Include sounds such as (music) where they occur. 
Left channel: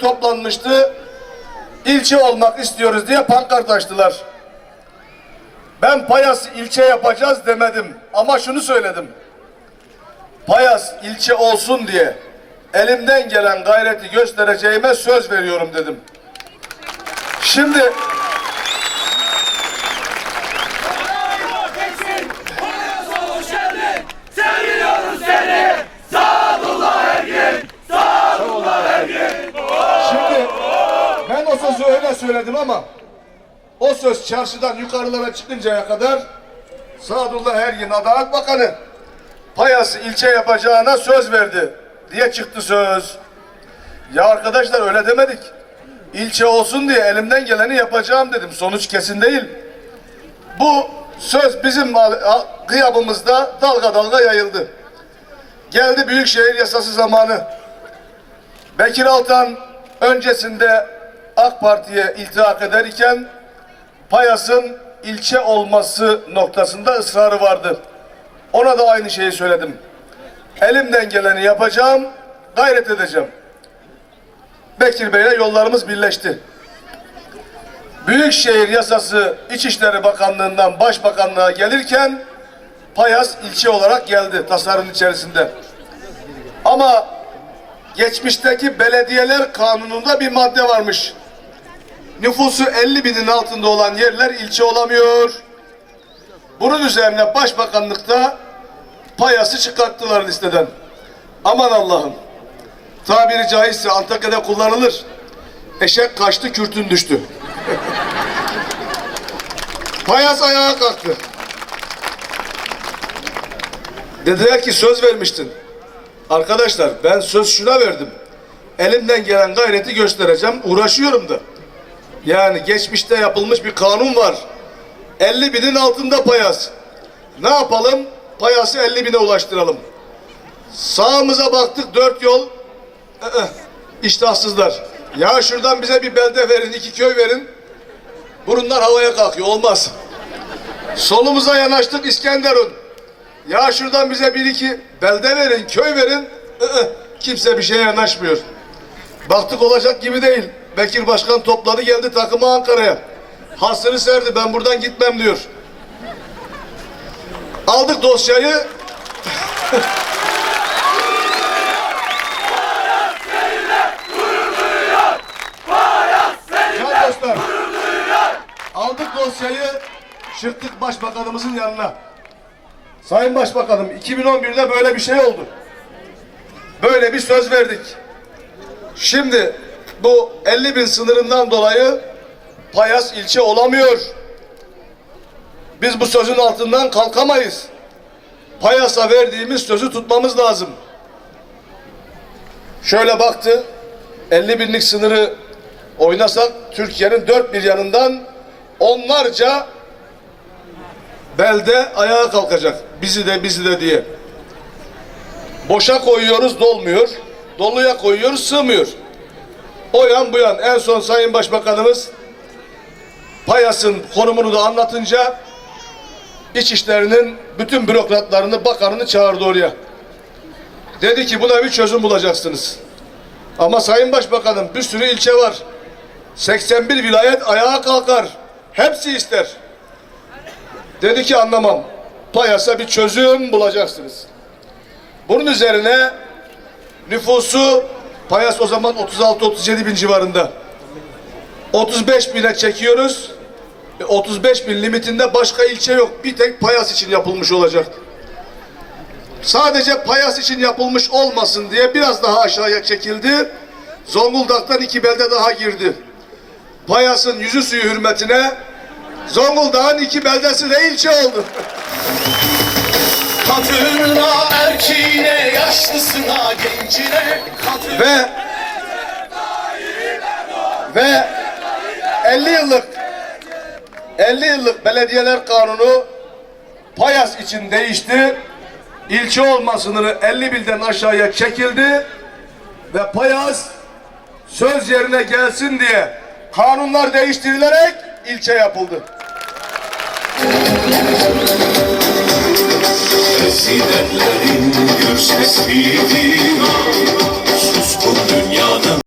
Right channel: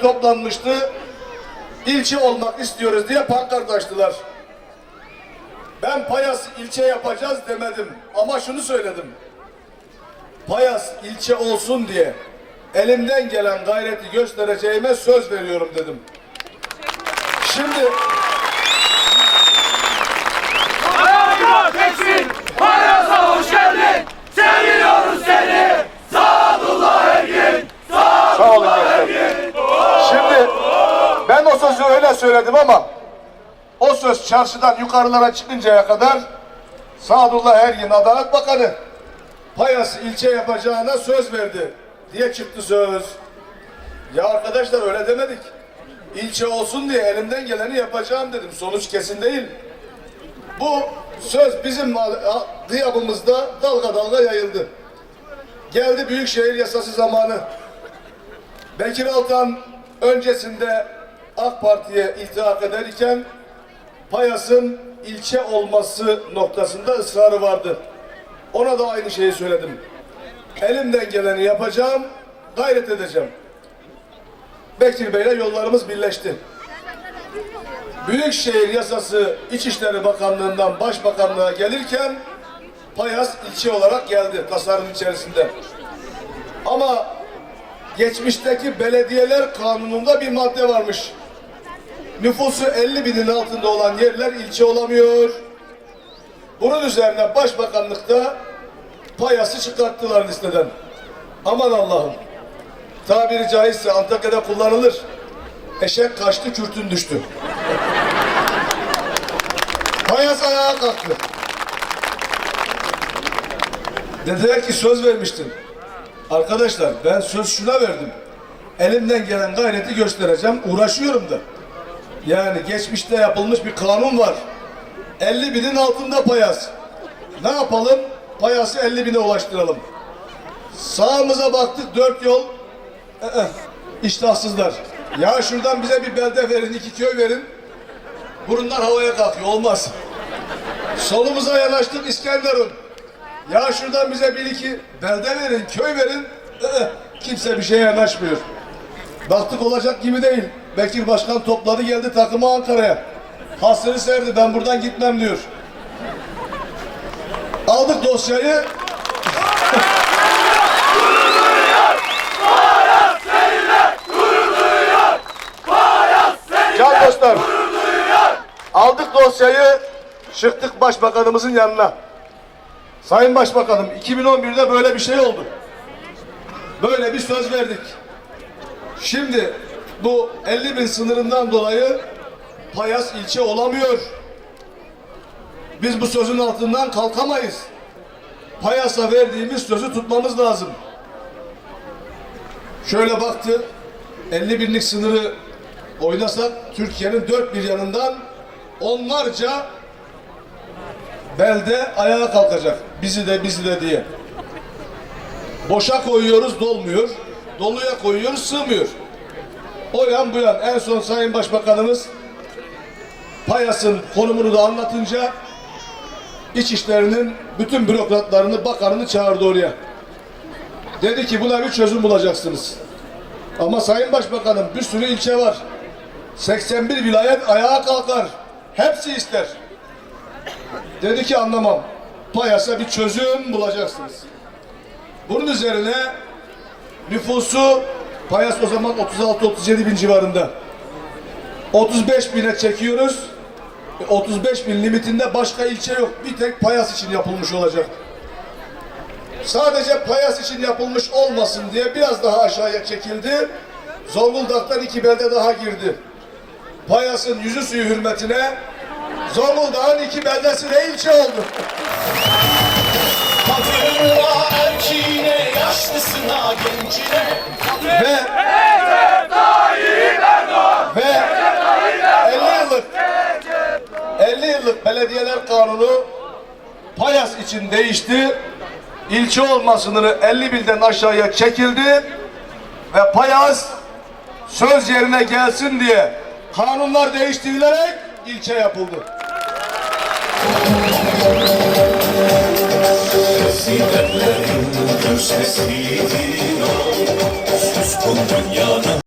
toplanmıştı. İlçe olmak istiyoruz diye pankart açtılar. Ben Payas ilçe yapacağız demedim ama şunu söyledim. Payas ilçe olsun diye elimden gelen gayreti göstereceğime söz veriyorum dedim. Şimdi Beksin, Payas'a hoş geldin. Seviyoruz seni. Sadullah Ergin, Sadullah Ergin. Şimdi ben o sözü öyle söyledim ama o söz çarşıdan yukarılara çıkıncaya kadar Sadullah Ergin Adalet Bakanı Payas ilçe yapacağına söz verdi diye çıktı söz. Ya arkadaşlar öyle demedik. İlçe olsun diye elimden geleni yapacağım dedim. Sonuç kesin değil. Bu söz bizim gıyabımızda dalga dalga yayıldı. Geldi Büyükşehir Yasası zamanı. Bekir Altan öncesinde AK Parti'ye iltihak ederken Payas'ın ilçe olması noktasında ısrarı vardı. Ona da aynı şeyi söyledim. Elimden geleni yapacağım, gayret edeceğim. Bekir Bey'le yollarımız birleşti. Büyükşehir Yasası İçişleri Bakanlığı'ndan Başbakanlığa gelirken Payas ilçe olarak geldi tasarım içerisinde. Ama geçmişteki belediyeler kanununda bir madde varmış. Nüfusu 50 binin altında olan yerler ilçe olamıyor. Bunun üzerine başbakanlıkta payası çıkarttılar listeden. Aman Allah'ım. Tabiri caizse Antakya'da kullanılır. Eşek kaçtı, kürtün düştü. (laughs) Payas ayağa kalktı. Dediler ki söz vermiştin. Arkadaşlar ben söz şuna verdim. Elimden gelen gayreti göstereceğim. Uğraşıyorum da. Yani geçmişte yapılmış bir kanun var. 50 binin altında payas. Ne yapalım? Payası 50 bine ulaştıralım. Sağımıza baktık dört yol. Ee, iştahsızlar. Ya şuradan bize bir belde verin, iki köy verin. Burunlar havaya kalkıyor. Olmaz. Solumuza yanaştık İskenderun. Ya şuradan bize bir iki belde verin, köy verin. Iı, kimse bir şeye yanaşmıyor. Baktık olacak gibi değil. Bekir Başkan topladı geldi takımı Ankara'ya. Hasrını serdi ben buradan gitmem diyor. Aldık dosyayı. Can dostlar. Aldık dosyayı, çıktık başbakanımızın yanına. Sayın Başbakanım 2011'de böyle bir şey oldu. Böyle bir söz verdik. Şimdi bu 50 bin sınırından dolayı Payas ilçe olamıyor. Biz bu sözün altından kalkamayız. Payas'a verdiğimiz sözü tutmamız lazım. Şöyle baktı, 50 binlik sınırı oynasak Türkiye'nin dört bir yanından onlarca belde ayağa kalkacak. Bizi de bizi de diye. Boşa koyuyoruz dolmuyor. Doluya koyuyoruz sığmıyor. O yan bu yan. En son Sayın Başbakanımız Payas'ın konumunu da anlatınca İçişleri'nin bütün bürokratlarını, bakanını çağırdı oraya. Dedi ki buna bir çözüm bulacaksınız. Ama Sayın Başbakanım bir sürü ilçe var. 81 vilayet ayağa kalkar. Hepsi ister. Dedi ki anlamam. Payas'a bir çözüm bulacaksınız. Bunun üzerine nüfusu Payas o zaman 36-37 bin civarında. 35 bine çekiyoruz. E, 35 bin limitinde başka ilçe yok. Bir tek Payas için yapılmış olacak. Sadece Payas için yapılmış olmasın diye biraz daha aşağıya çekildi. Zonguldak'tan iki belde daha girdi. Payas'ın yüzü suyu hürmetine Zonguldak'ın iki beldesi de ilçe oldu. Ve ve 50 yıllık 50 yıllık belediyeler kanunu Payas için değişti. İlçe olma sınırı 50 bilden aşağıya çekildi ve Payas söz yerine gelsin diye kanunlar değiştirilerek ilçe yapıldı. Sidenlerin göz sesiydi. Suskun dünya